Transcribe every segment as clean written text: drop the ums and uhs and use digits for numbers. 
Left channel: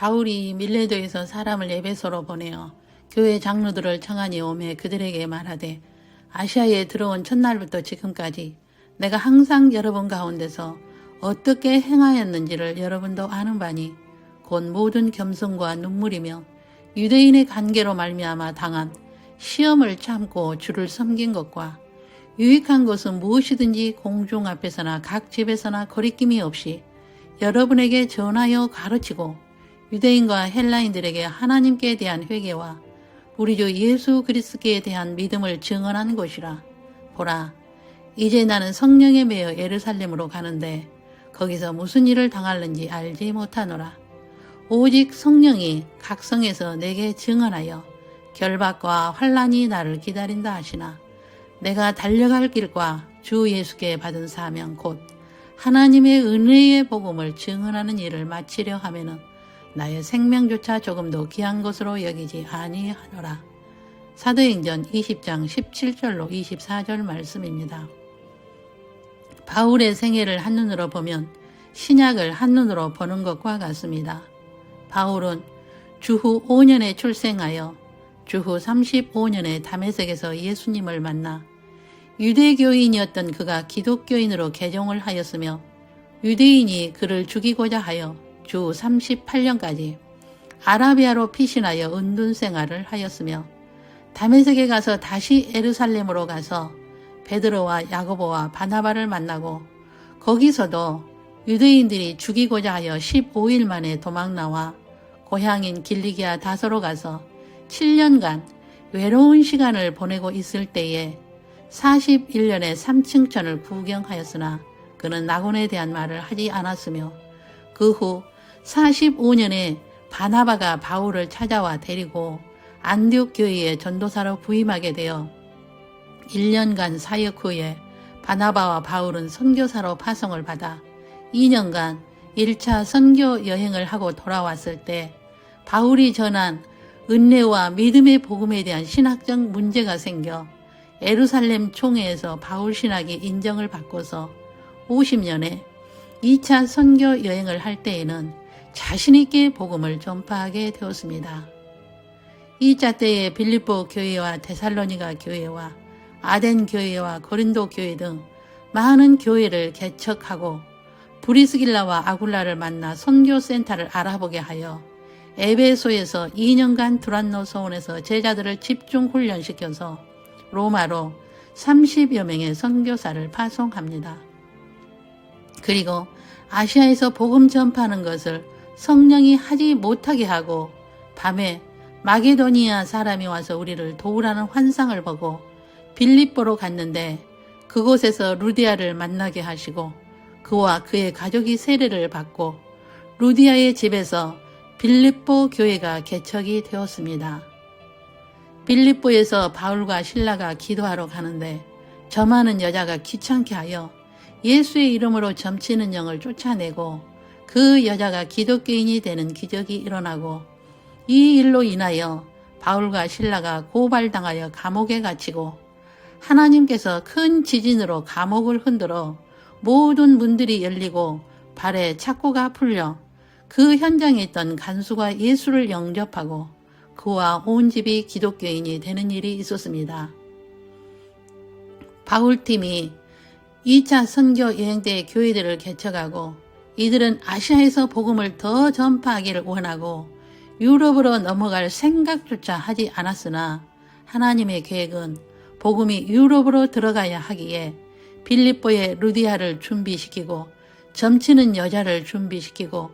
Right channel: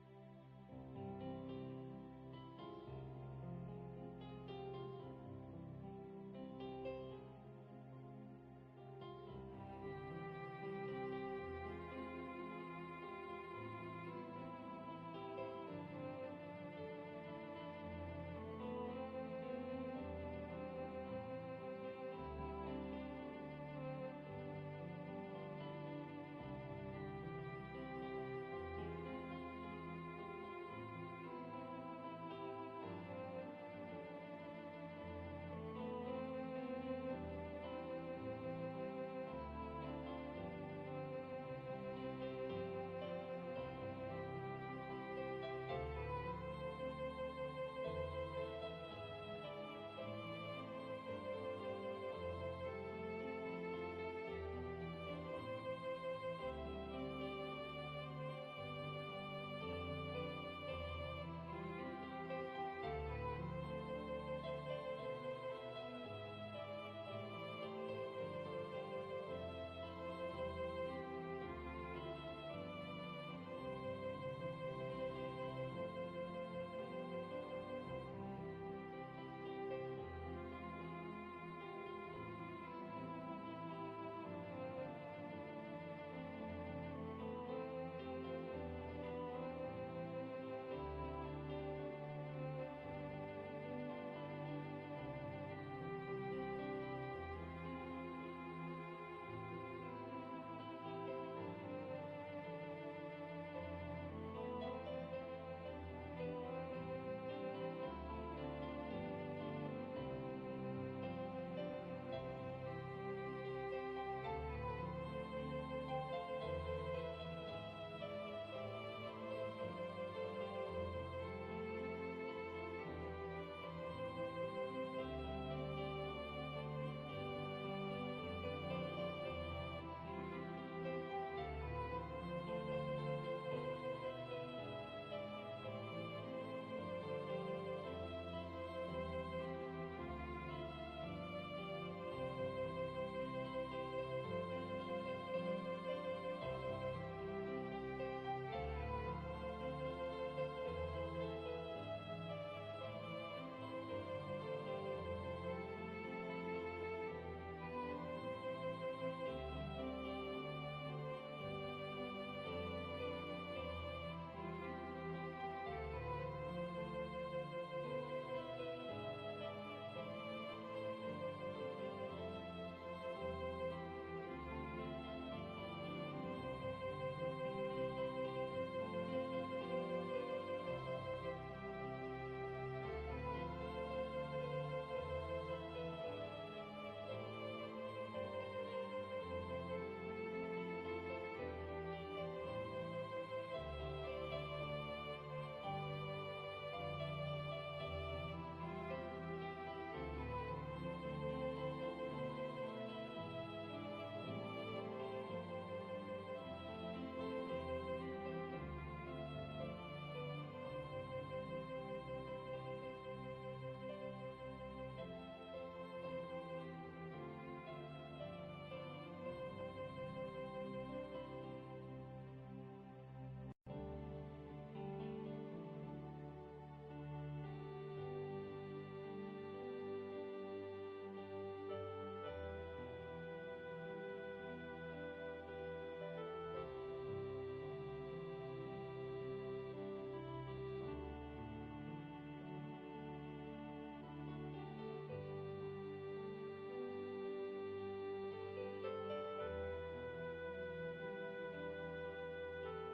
바울이 밀레도에서 사람을 에베소로 보내어 교회 장로들을 청하니 오매 그들에게 말하되 아시아에 들어온 첫날부터 지금까지 내가 항상 여러분 가운데서 어떻게 행하였는지를 여러분도 아는 바니 곧 모든 겸손과 눈물이며 유대인의 관계로 말미암아 당한 시험을 참고 주를 섬긴 것과 유익한 것은 무엇이든지 공중 앞에서나 각 집에서나 거리낌이 없이 여러분에게 전하여 가르치고 유대인과 헬라인들에게 하나님께 대한 회개와 우리 주 예수 그리스도에 대한 믿음을 증언하는 것이라. 보라, 이제 나는 성령에 매여 예루살렘으로 가는데 거기서 무슨 일을 당할는지 알지 못하노라. 오직 성령이 각 성에서 내게 증언하여 결박과 환난이 나를 기다린다 하시나 내가 달려갈 길과 주 예수께 받은 사명 곧 하나님의 은혜의 복음을 증언하는 일을 마치려 하면은 나의 생명조차 조금도 귀한 것으로 여기지 아니하노라. 사도행전 20장 17절로 24절 말씀입니다. 바울의 생애를 한눈으로 보면 신약을 한눈으로 보는 것과 같습니다. 바울은 주후 5년에 출생하여 주후 35년에 다메섹에서 예수님을 만나 유대교인이었던 그가 기독교인으로 개종을 하였으며 유대인이 그를 죽이고자 하여 주 38년까지 아라비아로 피신하여 은둔 생활을 하였으며 다메섹에 가서 다시 예루살렘으로 가서 베드로와 야고보와 바나바를 만나고 거기서도 유대인들이 죽이고자 하여 15일 만에 도망나와 고향인 길리기아 다소로 가서 7년간 외로운 시간을 보내고 있을 때에 41년의 삼층천을 구경하였으나 그는 낙원에 대한 말을 하지 않았으며 그 후 45년에 바나바가 바울을 찾아와 데리고 안디옥 교회의 전도사로 부임하게 되어 1년간 사역 후에 바나바와 바울은 선교사로 파송을 받아 2년간 1차 선교 여행을 하고 돌아왔을 때 바울이 전한 은혜와 믿음의 복음에 대한 신학적 문제가 생겨 예루살렘 총회에서 바울 신학이 인정을 받고서 50년에 2차 선교 여행을 할 때에는 자신있게 복음을 전파하게 되었습니다. 2차 때에 빌립보 교회와 데살로니가 교회와 아덴 교회와 고린도 교회 등 많은 교회를 개척하고 브리스길라와 아굴라를 만나 선교센터를 알아보게 하여 에베소에서 2년간 두란노 소원에서 제자들을 집중 훈련시켜서 로마로 30여 명의 선교사를 파송합니다. 그리고 아시아에서 복음 전파하는 것을 성령이 하지 못하게 하고 밤에 마게도니아 사람이 와서 우리를 도우라는 환상을 보고 빌립보로 갔는데 그곳에서 루디아를 만나게 하시고 그와 그의 가족이 세례를 받고 루디아의 집에서 빌립보 교회가 개척이 되었습니다. 빌립보에서 바울과 실라가 기도하러 가는데 점하는 여자가 귀찮게 하여 예수의 이름으로 점치는 영을 쫓아내고 그 여자가 기독교인이 되는 기적이 일어나고 이 일로 인하여 바울과 실라가 고발당하여 감옥에 갇히고 하나님께서 큰 지진으로 감옥을 흔들어 모든 문들이 열리고 발에 착고가 풀려 그 현장에 있던 간수가 예수를 영접하고 그와 온 집이 기독교인이 되는 일이 있었습니다. 바울팀이 2차 선교 여행 때 교회들을 개척하고 이들은 아시아에서 복음을 더 전파하기를 원하고 유럽으로 넘어갈 생각조차 하지 않았으나 하나님의 계획은 복음이 유럽으로 들어가야 하기에 빌립보의 루디아를 준비시키고 점치는 여자를 준비시키고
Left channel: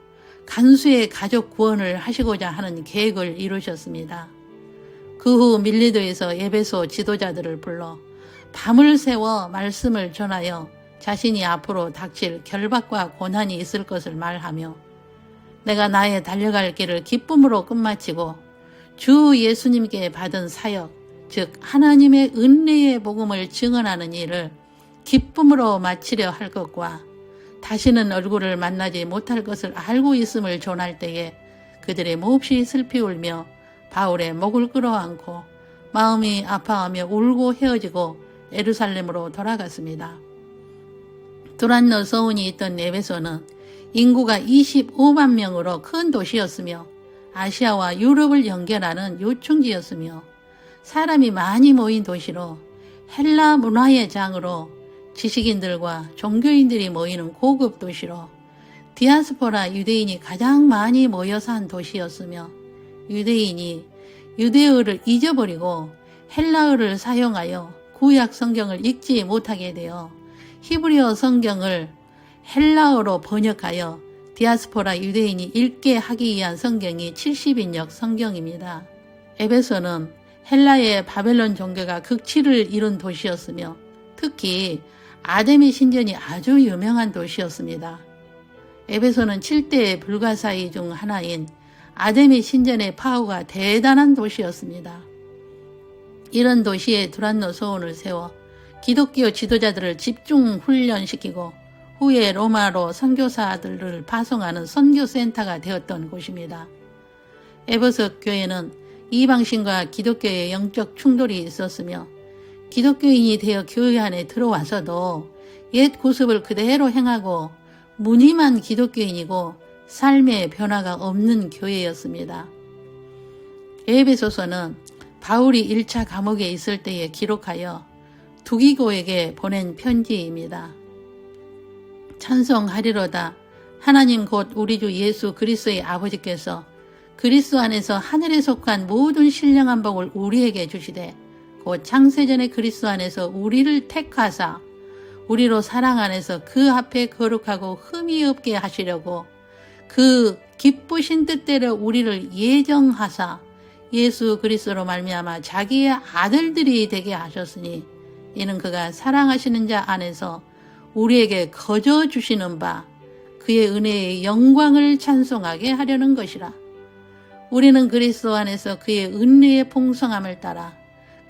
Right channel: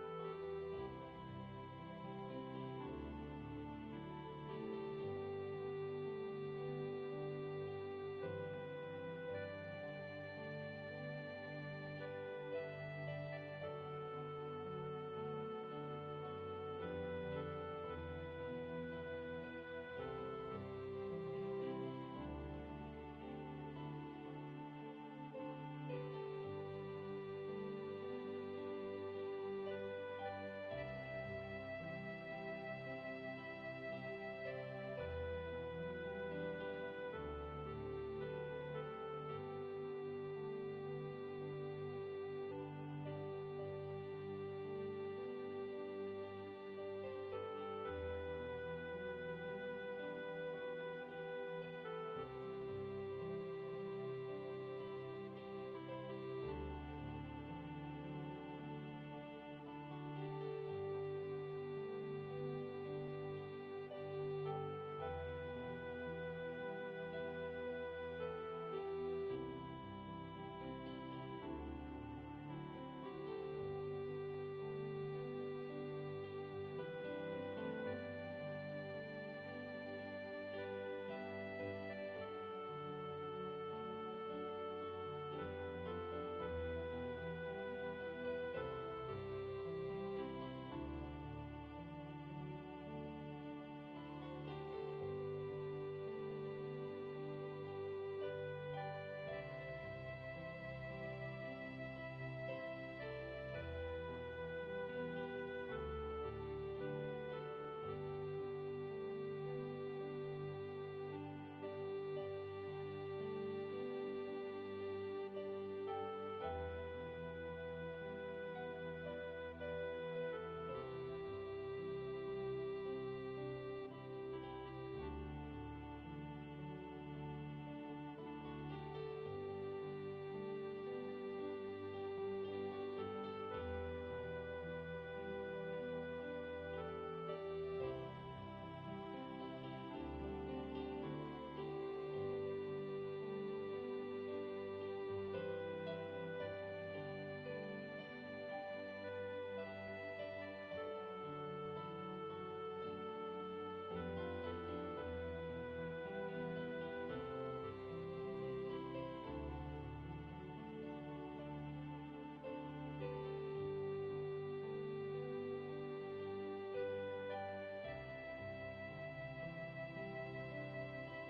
간수의 가족 구원을 하시고자 하는 계획을 이루셨습니다. 그 후 밀레도에서 에베소 지도자들을 불러 밤을 새워 말씀을 전하여 자신이 앞으로 닥칠 결박과 고난이 있을 것을 말하며 내가 나의 달려갈 길을 기쁨으로 끝마치고 주 예수님께 받은 사역, 즉 하나님의 은혜의 복음을 증언하는 일을 기쁨으로 마치려 할 것과 다시는 얼굴을 만나지 못할 것을 알고 있음을 전할 때에 그들이 몹시 슬피 울며 바울의 목을 끌어안고 마음이 아파하며 울고 헤어지고 예루살렘으로 돌아갔습니다. 두란노 서운이 있던 에베소는 인구가 25만 명으로 큰 도시였으며 아시아와 유럽을 연결하는 요충지였으며 사람이 많이 모인 도시로 헬라 문화의 장으로 지식인들과 종교인들이 모이는 고급 도시로 디아스포라 유대인이 가장 많이 모여 산 도시였으며 유대인이 유대어를 잊어버리고 헬라어를 사용하여 구약 성경을 읽지 못하게 되어 히브리어 성경을 헬라어로 번역하여 디아스포라 유대인이 읽게 하기 위한 성경이 70인역 성경입니다. 에베소는 헬라의 바벨론 종교가 극치를 이룬 도시였으며 특히 아데미 신전이 아주 유명한 도시였습니다. 에베소는 7대 불가사의 중 하나인 아데미 신전의 파워가 대단한 도시였습니다. 이런 도시에 두란노 소원을 세워 기독교 지도자들을 집중 훈련시키고 후에 로마로 선교사들을 파송하는 선교센터가 되었던 곳입니다. 에베소 교회는 이방신과 기독교의 영적 충돌이 있었으며 기독교인이 되어 교회 안에 들어와서도 옛 구습을 그대로 행하고 무늬만 기독교인이고 삶의 변화가 없는 교회였습니다. 에베소서는 바울이 1차 감옥에 있을 때에 기록하여 두기고에게 보낸 편지입니다. 찬송하리로다. 하나님 곧 우리 주 예수 그리스도의 아버지께서 그리스도 안에서 하늘에 속한 모든 신령한 복을 우리에게 주시되 곧 창세전에 그리스도 안에서 우리를 택하사 우리로 사랑 안에서 그 앞에 거룩하고 흠이 없게 하시려고 그 기쁘신 뜻대로 우리를 예정하사 예수 그리스도로 말미암아 자기의 아들들이 되게 하셨으니 이는 그가 사랑하시는 자 안에서 우리에게 거저 주시는 바 그의 은혜의 영광을 찬송하게 하려는 것이라. 우리는 그리스도 안에서 그의 은혜의 풍성함을 따라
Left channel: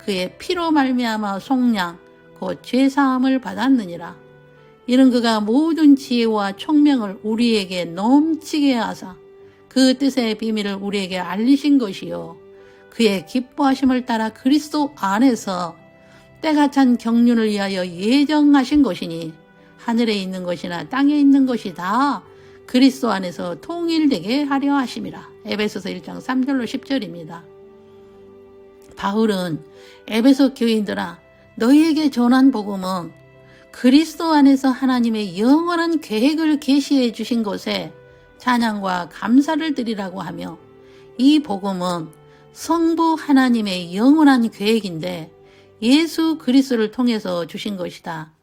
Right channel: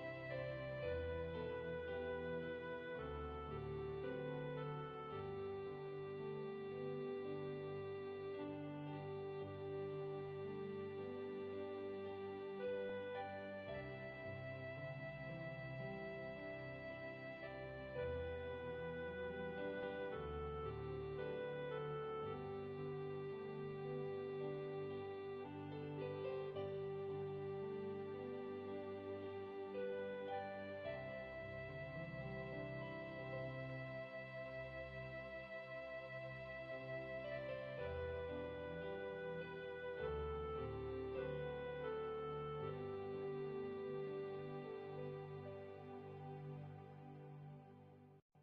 그의 피로 말미암아 속량 곧 죄사함을 받았느니라. 이는 그가 모든 지혜와 총명을 우리에게 넘치게 하사 그 뜻의 비밀을 우리에게 알리신 것이요 그의 기뻐하심을 따라 그리스도 안에서 때가 찬 경륜을 위하여 예정하신 것이니 하늘에 있는 것이나 땅에 있는 것이 다 그리스도 안에서 통일되게 하려 하심이라. 에베소서 1장 3절로 10절입니다. 바울은 에베소 교인들아 너희에게 전한 복음은 그리스도 안에서 하나님의 영원한 계획을 계시해 주신 것에 찬양과 감사를 드리라고 하며 이 복음은 성부 하나님의 영원한 계획인데 예수 그리스도를 통해서 주신 것이다.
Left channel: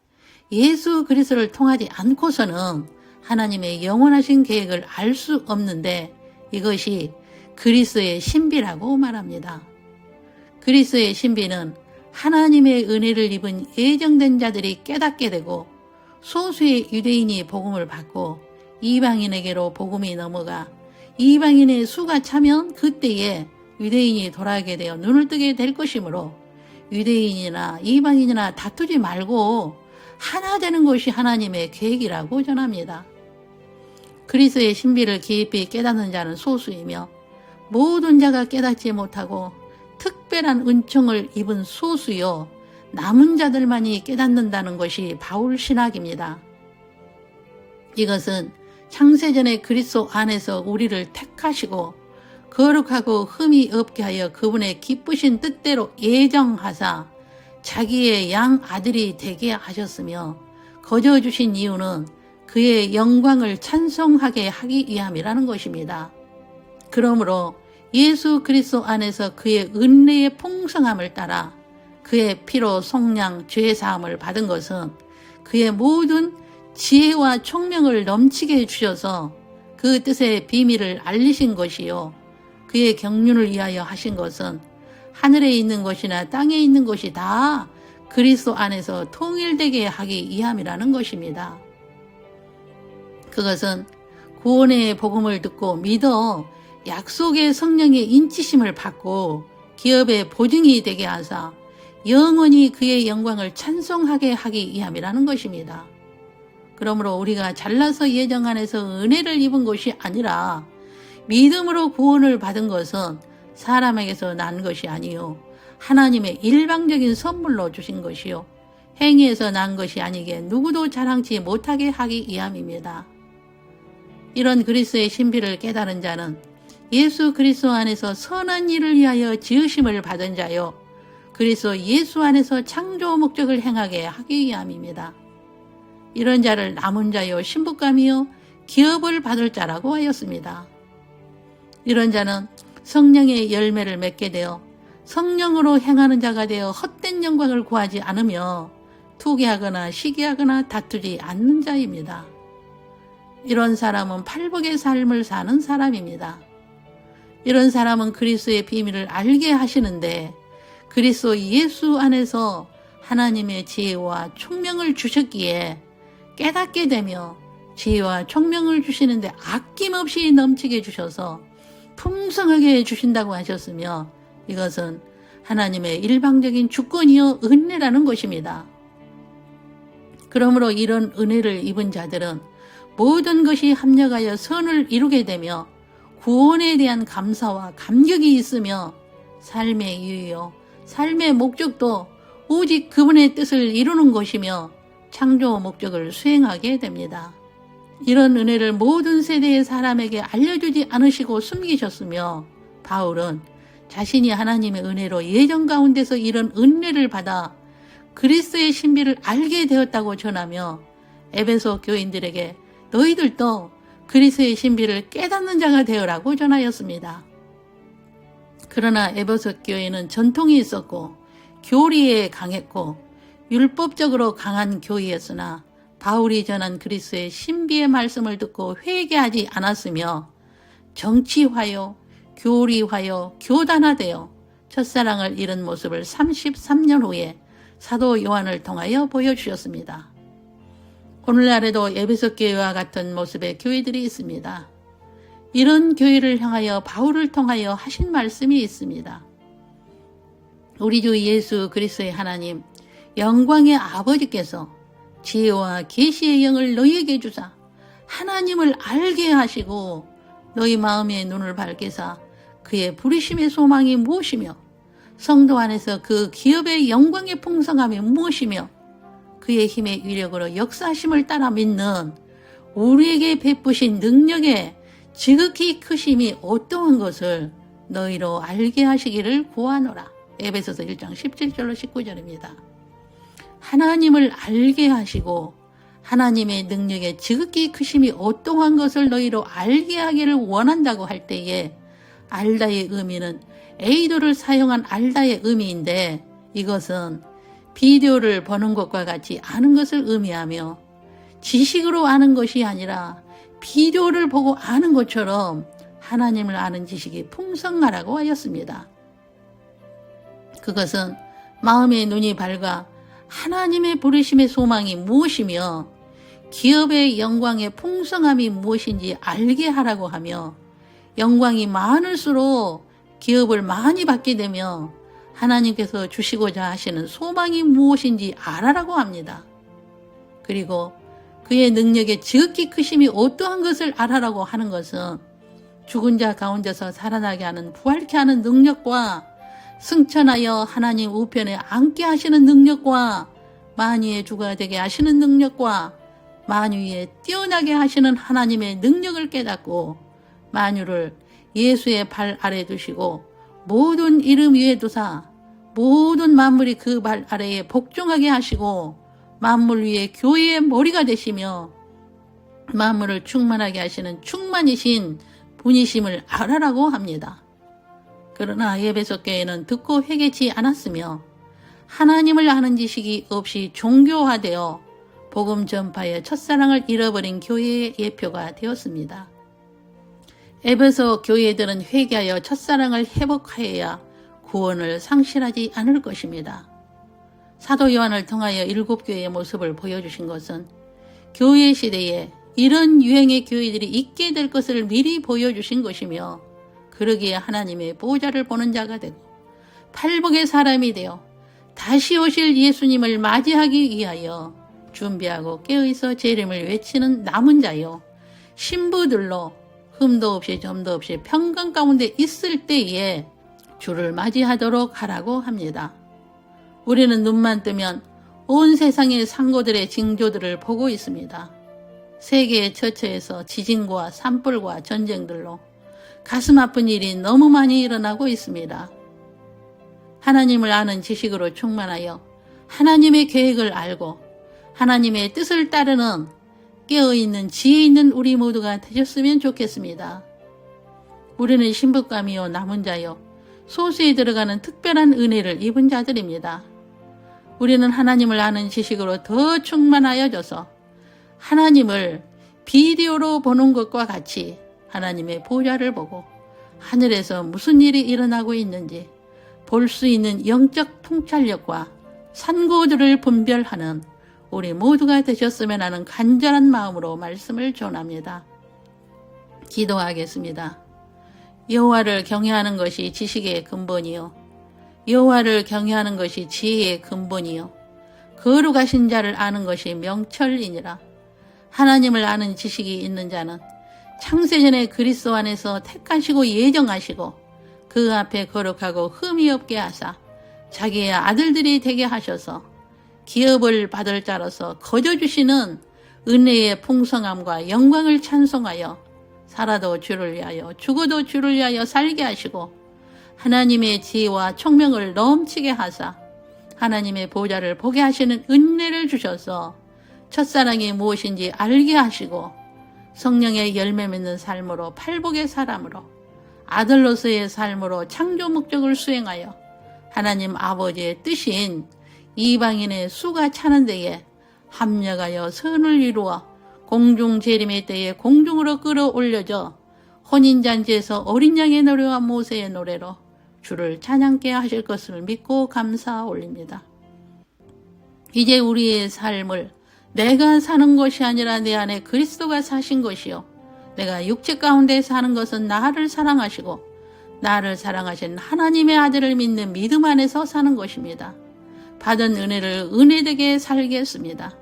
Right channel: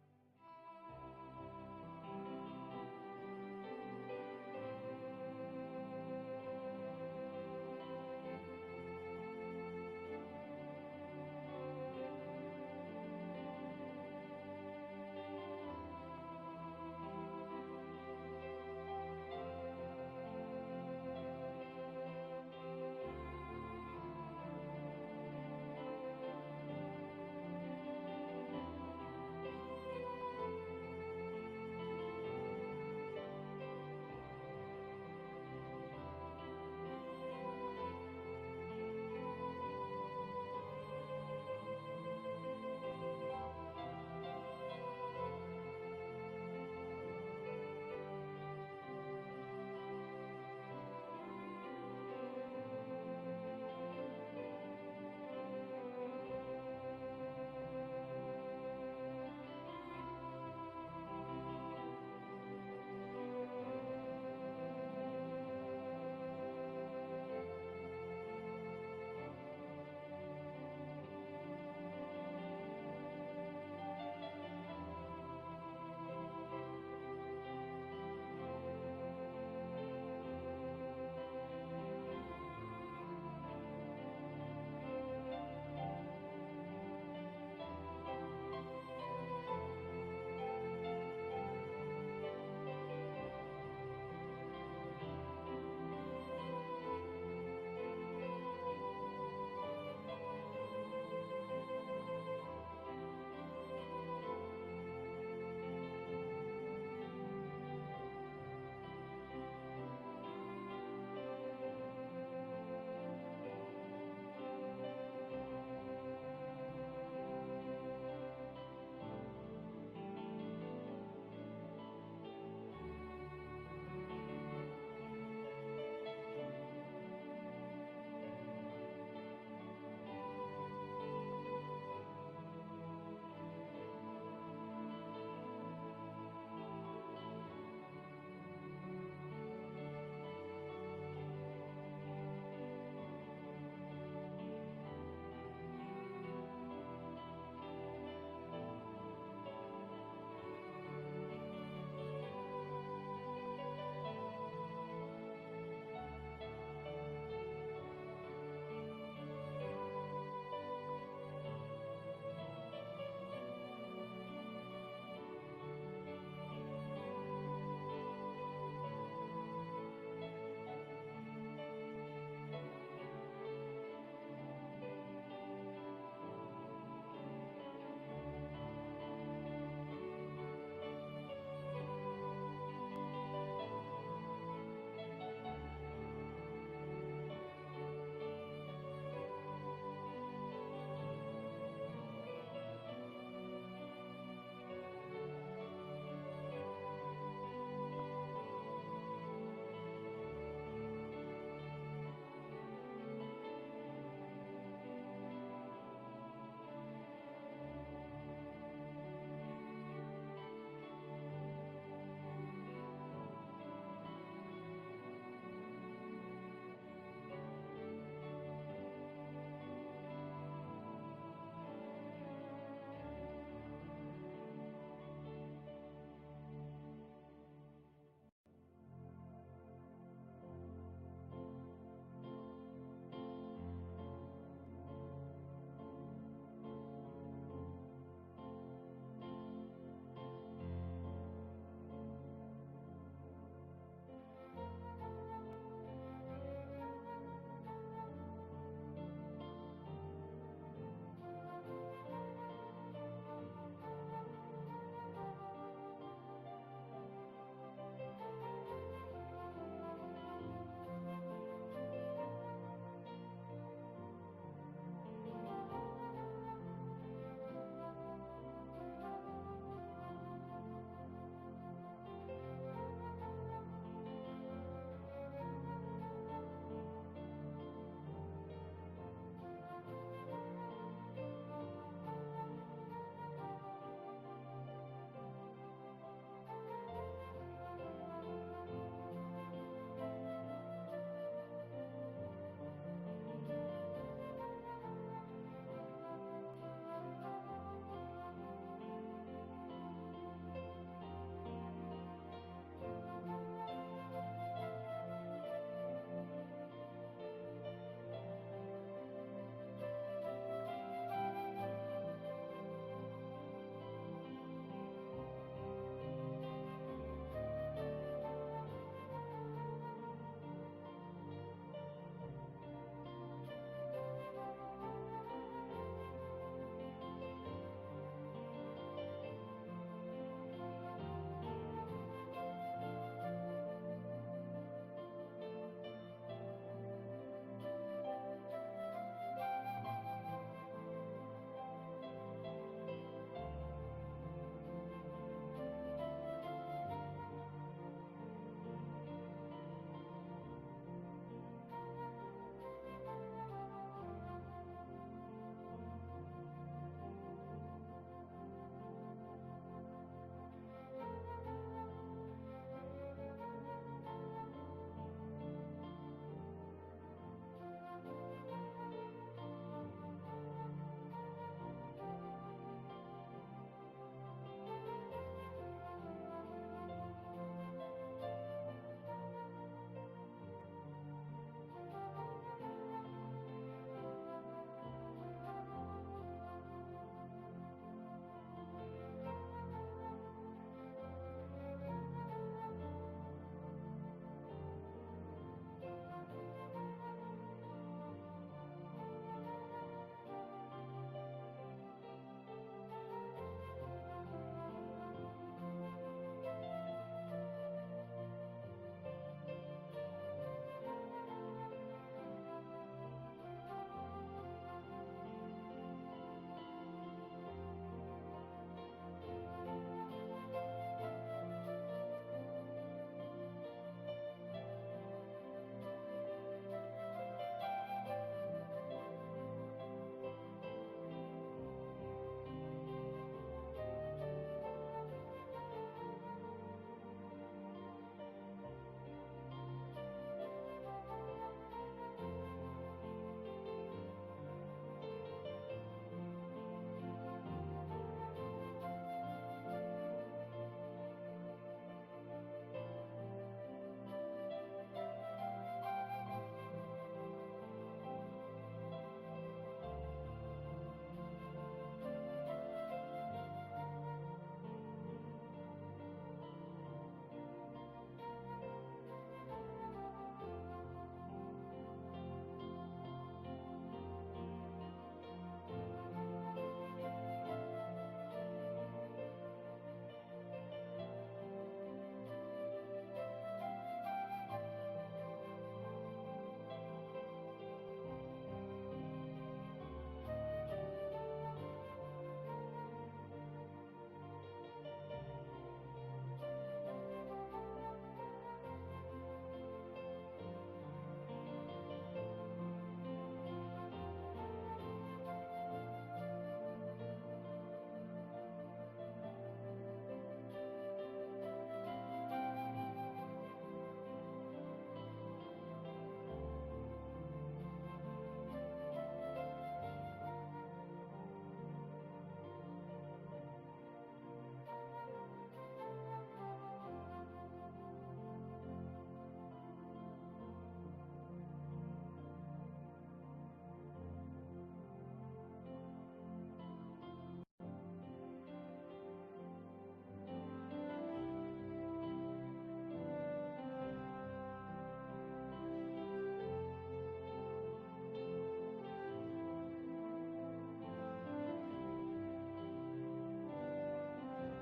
예수 그리스도를 통하지 않고서는 하나님의 영원하신 계획을 알 수 없는데 이것이 그리스도의 신비라고 말합니다. 그리스도의 신비는 하나님의 은혜를 입은 예정된 자들이 깨닫게 되고 소수의 유대인이 복음을 받고 이방인에게로 복음이 넘어가 이방인의 수가 차면 그때에 유대인이 돌아오게 되어 눈을 뜨게 될 것이므로 유대인이나 이방인이나 다투지 말고 하나 되는 것이 하나님의 계획이라고 전합니다. 그리스도의 신비를 깊이 깨닫는 자는 소수이며 모든 자가 깨닫지 못하고 특별한 은총을 입은 소수요 남은 자들만이 깨닫는다는 것이 바울 신학입니다. 이것은 창세전에 그리스도 안에서 우리를 택하시고 거룩하고 흠이 없게 하여 그분의 기쁘신 뜻대로 예정하사 자기의 양 아들이 되게 하셨으며 거저 주신 이유는 그의 영광을 찬송하게 하기 위함이라는 것입니다. 그러므로 예수 그리스도 안에서 그의 은혜의 풍성함을 따라 그의 피로 속량 죄사함을 받은 것은 그의 모든 지혜와 총명을 넘치게 주셔서 그 뜻의 비밀을 알리신 것이요 그의 경륜을 위하여 하신 것은 하늘에 있는 것이나 땅에 있는 것이 다 그리스도 안에서 통일되게 하기 위함이라는 것입니다. 그것은 구원의 복음을 듣고 믿어 약속의 성령의 인치심을 받고 기업의 보증이 되게 하사 영원히 그의 영광을 찬송하게 하기 위함이라는 것입니다. 그러므로 우리가 잘나서 예정 안에서 은혜를 입은 것이 아니라 믿음으로 구원을 받은 것은 사람에게서 난 것이 아니요 하나님의 일방적인 선물로 주신 것이요 행위에서 난 것이 아니게 누구도 자랑치 못하게 하기 위함입니다. 이런 그리스도의 신비를 깨달은 자는 예수 그리스도 안에서 선한 일을 위하여 지으심을 받은 자요 그리스도 예수 안에서 창조 목적을 행하게 하기 위함입니다. 이런 자를 남은 자요 신부감이요 기업을 받을 자라고 하였습니다. 이런 자는 성령의 열매를 맺게 되어 성령으로 행하는 자가 되어 헛된 영광을 구하지 않으며 투기하거나 시기하거나 다투지 않는 자입니다. 이런 사람은 팔복의 삶을 사는 사람입니다. 이런 사람은 그리스도의 비밀을 알게 하시는데 그리스도 예수 안에서 하나님의 지혜와 총명을 주셨기에 깨닫게 되며 지혜와 총명을 주시는데 아낌없이 넘치게 주셔서 풍성하게 주신다고 하셨으며 이것은 하나님의 일방적인 주권이요 은혜라는 것입니다. 그러므로 이런 은혜를 입은 자들은 모든 것이 합력하여 선을 이루게 되며 구원에 대한 감사와 감격이 있으며 삶의 이유요 삶의 목적도 오직 그분의 뜻을 이루는 것이며 창조 목적을 수행하게 됩니다. 이런 은혜를 모든 세대의 사람에게 알려주지 않으시고 숨기셨으며 바울은 자신이 하나님의 은혜로 예정 가운데서 이런 은혜를 받아 그리스도의 신비를 알게 되었다고 전하며 에베소 교인들에게 너희들도 그리스도의 신비를 깨닫는 자가 되어라고 전하였습니다. 그러나 에베소 교회는 전통이 있었고 교리에 강했고 율법적으로 강한 교회였으나 바울이 전한 그리스도의 신비의 말씀을 듣고 회개하지 않았으며 정치화요, 교리화요, 교단화되어 첫사랑을 잃은 모습을 33년 후에 사도 요한을 통하여 보여주셨습니다. 오늘날에도 에베소 교회와 같은 모습의 교회들이 있습니다. 이런 교회를 향하여 바울을 통하여 하신 말씀이 있습니다. 우리 주 예수 그리스도의 하나님 영광의 아버지께서 지혜와 계시의 영을 너희에게 주사 하나님을 알게 하시고 너희 마음의 눈을 밝히사 그의 부르심의 소망이 무엇이며 성도 안에서 그 기업의 영광의 풍성함이 무엇이며 그의 힘의 위력으로 역사하심을 따라 믿는 우리에게 베푸신 능력의 지극히 크심이 어떠한 것을 너희로 알게 하시기를 구하노라. 에베소서 1장 17절로 19절입니다. 하나님을 알게 하시고 하나님의 능력의 지극히 크심이 어떠한 것을 너희로 알게 하기를 원한다고 할 때에 알다의 의미는 에이도를 사용한 알다의 의미인데 이것은 비디오를 보는 것과 같이 아는 것을 의미하며 지식으로 아는 것이 아니라 비디오를 보고 아는 것처럼 하나님을 아는 지식이 풍성하라고 하였습니다. 그것은 마음의 눈이 밝아 하나님의 부르심의 소망이 무엇이며 기업의 영광의 풍성함이 무엇인지 알게 하라고 하며 영광이 많을수록 기업을 많이 받게 되며 하나님께서 주시고자 하시는 소망이 무엇인지 알아라고 합니다. 그리고 그의 능력의 지극히 크심이 어떠한 것을 알아라고 하는 것은 죽은 자 가운데서 살아나게 하는 부활케 하는 능력과 승천하여 하나님 우편에 앉게 하시는 능력과 만유의 주가 되게 하시는 능력과 만유에 뛰어나게 하시는 하나님의 능력을 깨닫고 만유를 예수의 발 아래 두시고 모든 이름 위에 두사 모든 만물이 그 발 아래에 복종하게 하시고 만물 위에 교회의 머리가 되시며 만물을 충만하게 하시는 충만이신 분이심을 알아라고 합니다. 그러나 에베소 교회는 듣고 회개치 않았으며 하나님을 아는 지식이 없이 종교화되어 복음 전파의 첫사랑을 잃어버린 교회의 예표가 되었습니다. 에베소 교회들은 회개하여 첫사랑을 회복하여야 구원을 상실하지 않을 것입니다. 사도 요한을 통하여 7교회의 모습을 보여주신 것은 교회 시대에 이런 유행의 교회들이 있게 될 것을 미리 보여주신 것이며 그러기에 하나님의 보좌를 보는 자가 되고 팔복의 사람이 되어 다시 오실 예수님을 맞이하기 위하여 준비하고 깨어있어 재림을 외치는 남은 자요 신부들로 흠도 없이 점도 없이 평강 가운데 있을 때에 주를 맞이하도록 하라고 합니다. 우리는 눈만 뜨면 온 세상의 상고들의 징조들을 보고 있습니다. 세계의 처처에서 지진과 산불과 전쟁들로 가슴 아픈 일이 너무 많이 일어나고 있습니다. 하나님을 아는 지식으로 충만하여 하나님의 계획을 알고 하나님의 뜻을 따르는 깨어있는 지혜 있는 우리 모두가 되셨으면 좋겠습니다. 우리는 신부감이요 남은 자요 소수에 들어가는 특별한 은혜를 입은 자들입니다. 우리는 하나님을 아는 지식으로 더 충만하여져서 하나님을 비디오로 보는 것과 같이 하나님의 보좌를 보고 하늘에서 무슨 일이 일어나고 있는지 볼 수 있는 영적 통찰력과 산고들을 분별하는 우리 모두가 되셨으면 하는 간절한 마음으로 말씀을 전합니다. 기도하겠습니다. 여호와를 경외하는 것이 지식의 근본이요 여호와를 경외하는 것이 지혜의 근본이요 거룩하신 자를 아는 것이 명철이니라. 하나님을 아는 지식이 있는 자는 창세전에 그리스도 안에서 택하시고 예정하시고 그 앞에 거룩하고 흠이 없게 하사 자기의 아들들이 되게 하셔서 기업을 받을 자로서 거저주시는 은혜의 풍성함과 영광을 찬송하여 살아도 주를 위하여 죽어도 주를 위하여 살게 하시고 하나님의 지혜와 총명을 넘치게 하사 하나님의 보좌를 보게 하시는 은혜를 주셔서 첫사랑이 무엇인지 알게 하시고 성령의 열매 맺는 삶으로 팔복의 사람으로 아들로서의 삶으로 창조 목적을 수행하여 하나님 아버지의 뜻인 이방인의 수가 차는 데에 합력하여 선을 이루어 공중 재림의 때에 공중으로 끌어올려져 혼인잔치에서 어린 양의 노래와 모세의 노래로 주를 찬양케 하실 것을 믿고 감사 올립니다. 이제 우리의 삶을 내가 사는 것이 아니라 내 안에 그리스도가 사신 것이요 내가 육체 가운데 사는 것은 나를 사랑하시고 나를 사랑하신 하나님의 아들을 믿는 믿음 안에서 사는 것입니다. 받은 은혜를 은혜되게 살겠습니다.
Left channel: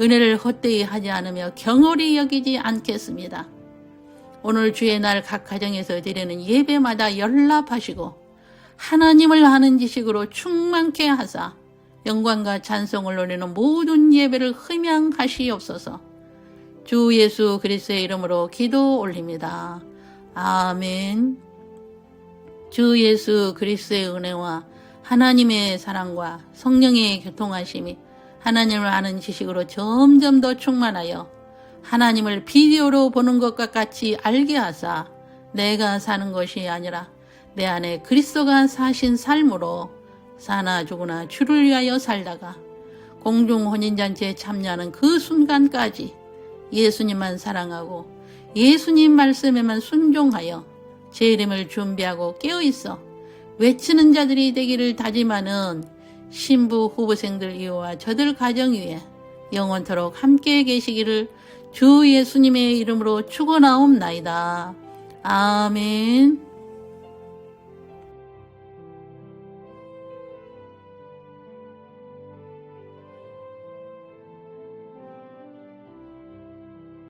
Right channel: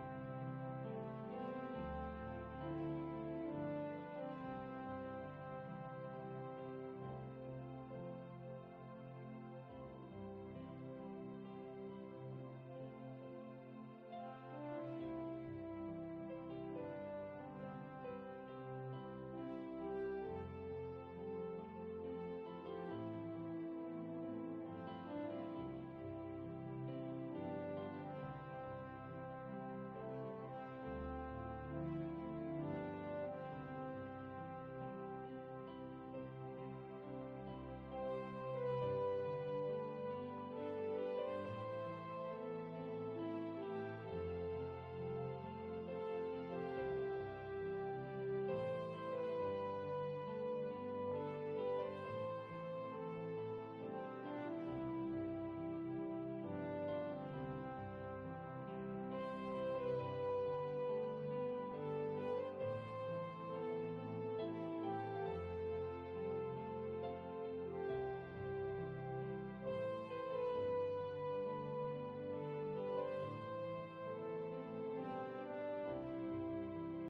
은혜를 헛되이 하지 않으며 경홀히 여기지 않겠습니다. 오늘 주의 날 각 가정에서 드리는 예배마다 연락하시고 하나님을 아는 지식으로 충만케 하사 영광과 찬송을 노리는 모든 예배를 흠양하시옵소서. 주 예수 그리스도의 이름으로 기도 올립니다. 아멘. 주 예수 그리스도의 은혜와 하나님의 사랑과 성령의 교통하심이 하나님을 아는 지식으로 점점 더 충만하여 하나님을 비디오로 보는 것과 같이 알게 하사 내가 사는 것이 아니라 내 안에 그리스도가 사신 삶으로 사나 죽으나 주를 위하여 살다가 공중 혼인잔치에 참여하는 그 순간까지 예수님만 사랑하고 예수님 말씀에만 순종하여 재림을 준비하고 깨어있어 외치는 자들이 되기를 다짐하는 신부 후보생들 이와 저들 가정 위에 영원토록 함께 계시기를 주 예수님의 이름으로 축원하옵나이다. 아멘.